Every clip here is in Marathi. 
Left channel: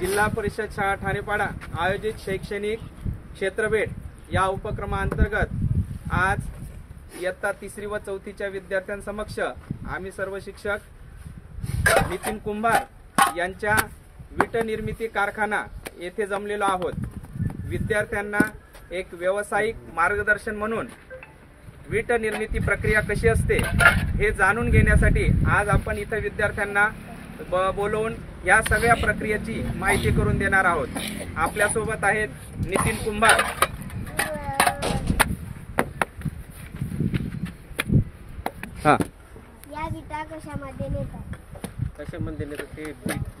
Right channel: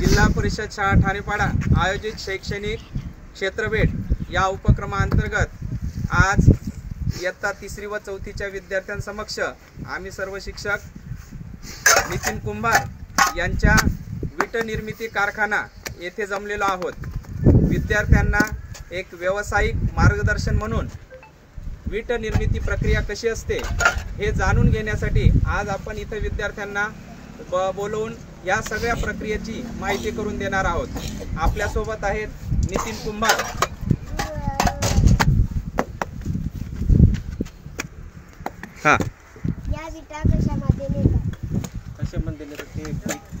जिल्हा परिषद शाळा ठाणेपाडा आयोजित शैक्षणिक क्षेत्रभेट या उपक्रमाअंतर्गत आज इयत्ता 3री व 4थीच्या विद्यार्थ्यांसमक्ष आम्ही सर्व शिक्षक नितीन कुंभार यांच्या वीट निर्मिती कारखाना येथे जमलेलो आहोत। विद्यार्थ्यांना एक व्यावसायिक मार्गदर्शन म्हणून वीट निर्मिती प्रक्रिया कशी असते हे जाणून घेण्यासाठी आज आपण इथे विद्यार्थ्यांना बोलवून या सगळ्या प्रक्रियेची माहिती करून देणार आहोत। आपल्या सोबत आहेत नितीन कुंभार। हा, या विटा कशामध्ये नेतात? कशामध्ये नेतात ते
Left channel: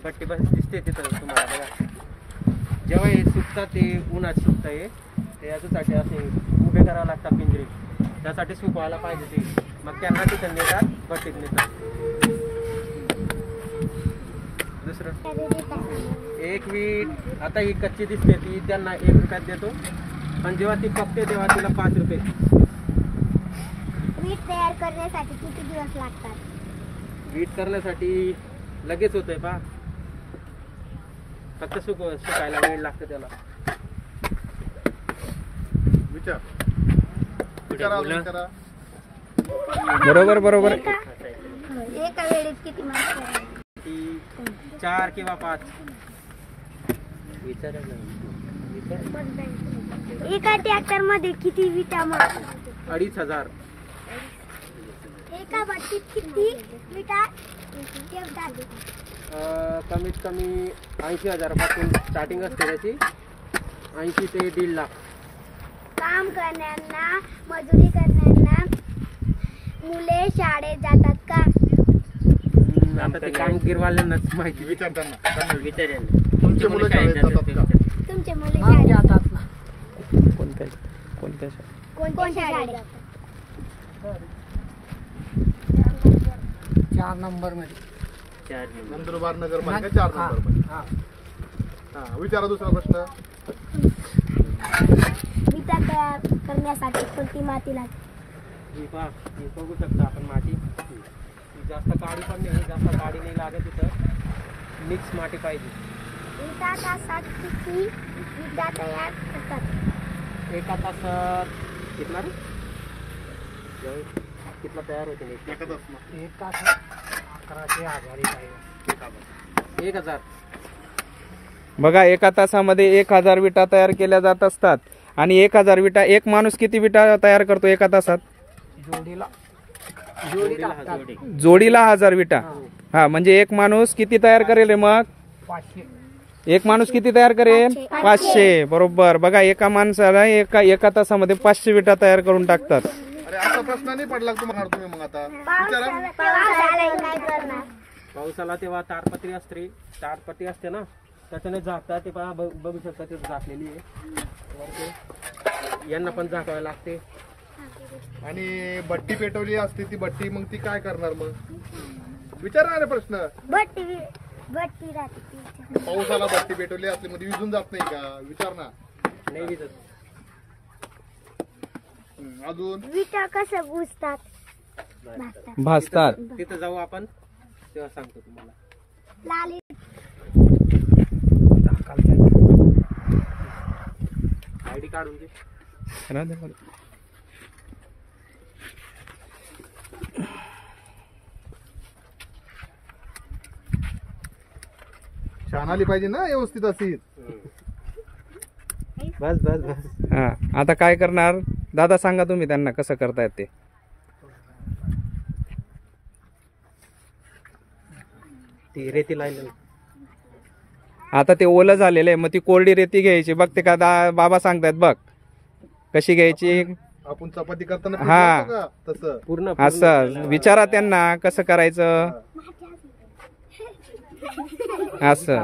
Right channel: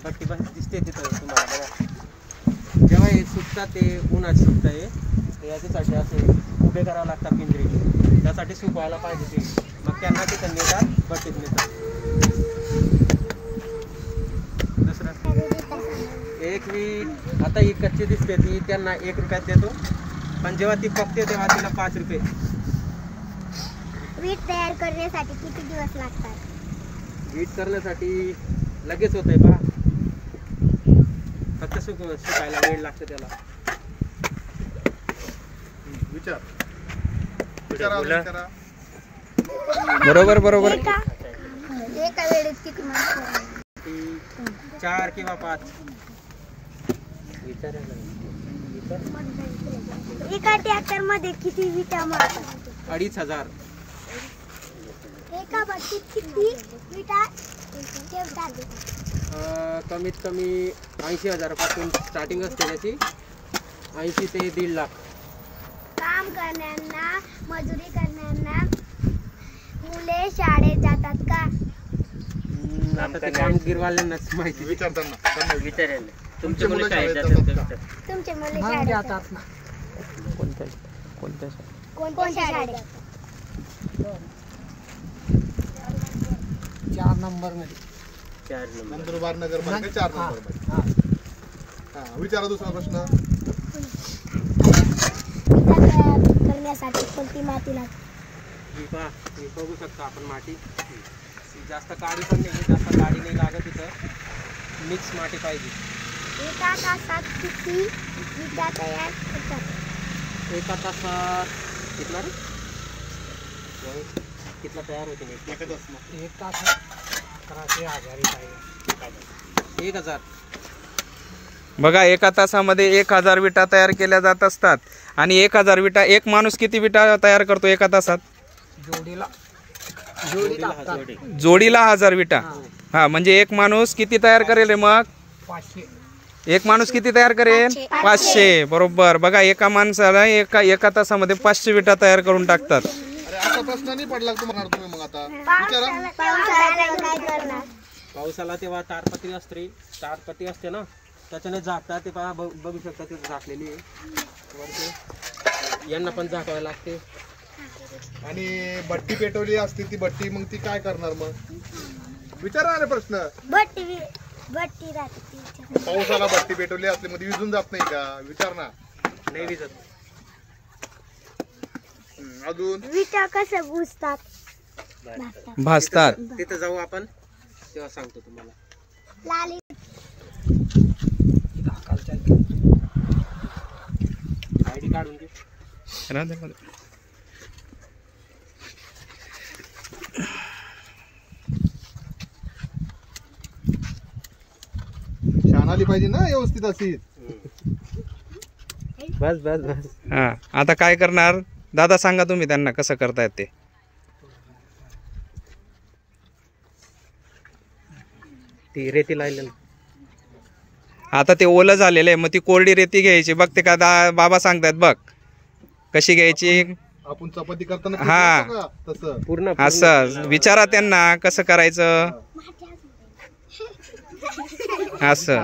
भट्टी बस दिसते तिथं तुम्हाला बघा। जेव्हा हे सुकतात ते उन्हात सुकतं हे ते याच्यासाठी असे उभे करावं लागतात पिंजरे, त्यासाठी सुकवायला पाहिजे ते, मग त्यांना तिथं नेतात, भट्टीत नेतात। दुसरं एक वीट आता ही कच्ची दिसते ती त्यांना 1 रुपयात देतो, पण जेव्हा ती पकते तेव्हा तिला 5 रुपये। वीट तयार करण्यासाठी किती दिवस लागतात? वीट करण्यासाठी लगेच होतंय बा, फक्त सुकायला वेळ लागतो त्याला। बरोबर बरोबर। एका वेळेत किती माणसं? 4 किंवा 5। एका ट्रॅक्टर मध्ये किती विटा मारतात? 2500। एका भट्टीत किती विटा ठेवतात? कमीत कमी 80,000 पासून स्टार्टिंग असते त्याची, 80 ते 1.5 लाख। काम करणाऱ्यांना, मजुरी करणाऱ्यांना मुले शाळेत जातात का? आता ते काम गिरवाल्यांनाच माहिती। विचारताना विचारायला तुमचे मुलं शाळेत जातात का? तुमचे मुले शाळेत जातात ना? कोणत्या कोणत्या शाळेत जातात? 4 नंबर मध्ये। 4 नंबर नंदुरबार नगर मध्ये 4 नंबर मध्ये। हा, विचारा दुसरा प्रश्न। विटा तयार करण्यासाठी कोणती माती लागते? हे बघू शकतो आपण माती, जास्त काळी पण नाही, जास्त काळी नाही लागत, इथं मिक्स माती पाहिजे। एका तासात किती विटा तयार होतात? एका तासात कितना रे कितना तयार होते? एक तास 1100 1000 1000। बघा, एका तासामध्ये 1000 विटा तयार केल्या जात असतात। आणि 1000 विटा, एक माणूस किती विटा तयार करतो एका तासात? जोडीला 1000 विटा। हा, म्हणजे एक माणूस किती तयार करेल मग? 500। एक माणूस किती तयार करेल? 500। बरोबर। बघा, एका माणसाला एका तासामध्ये 500 विटा तयार करून टाकतात। अरे असा प्रश्न नाही पडला तुम्ही मग आता विचारा। पावसाला तेव्हा तारपत्री असते, तारपत्री असते ना, त्याच्याने झाकतात ते पहा, बघू शकता ते झाकलेली आहे, यांना पण झाकावं लागते। आणि भट्टी पेटवली असते ती भट्टी, मग ती काय करणार मग? विचारा अरे प्रश्न। भट्टी राहते, पावसाला भट्टी पेटवली असली मध्ये विजून जात नाही का? विचार ना। नाही विजत। अजून विटा कसं बुजतात? भाजतात। तिथे जाऊ आपण तेव्हा सांगतो तुम्हाला। लाली आयडी काढून घे। शान आली पाहिजे ना व्यवस्थित अशी। बस बस बस। हा, आता काय करणार दादा, सांगा तुम्ही त्यांना कसं करतायत ते। ती रेती लायलेली, आता ते ओलं झालेलं आहे, मग ती कोरडी रेती घ्यायची। बघ ते का बाबा सांगतात, बग कशी घ्यायची। आपण चपाती करताना हा, तसं पूर्ण असं विचारा त्यांना कसं करायचं असं।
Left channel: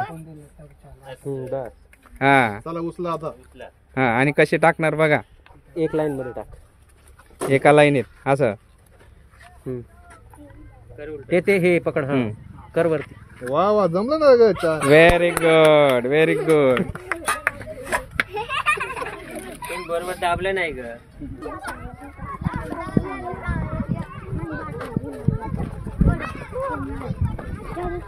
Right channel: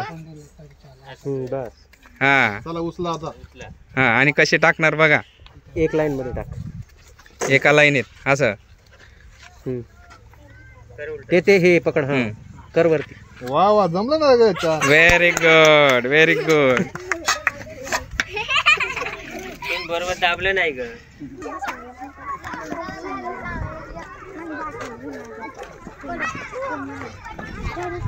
बस। हा, चला उचला आता। हा, आणि कशी टाकणार बघा, एक लाईन मध्ये टाक, एका लाईनीत असं। ते हे पकड, हा कर वरती। वा वा, जमलं ना। Very good, very good. बरोबर दाबलं नाही ग। Jangan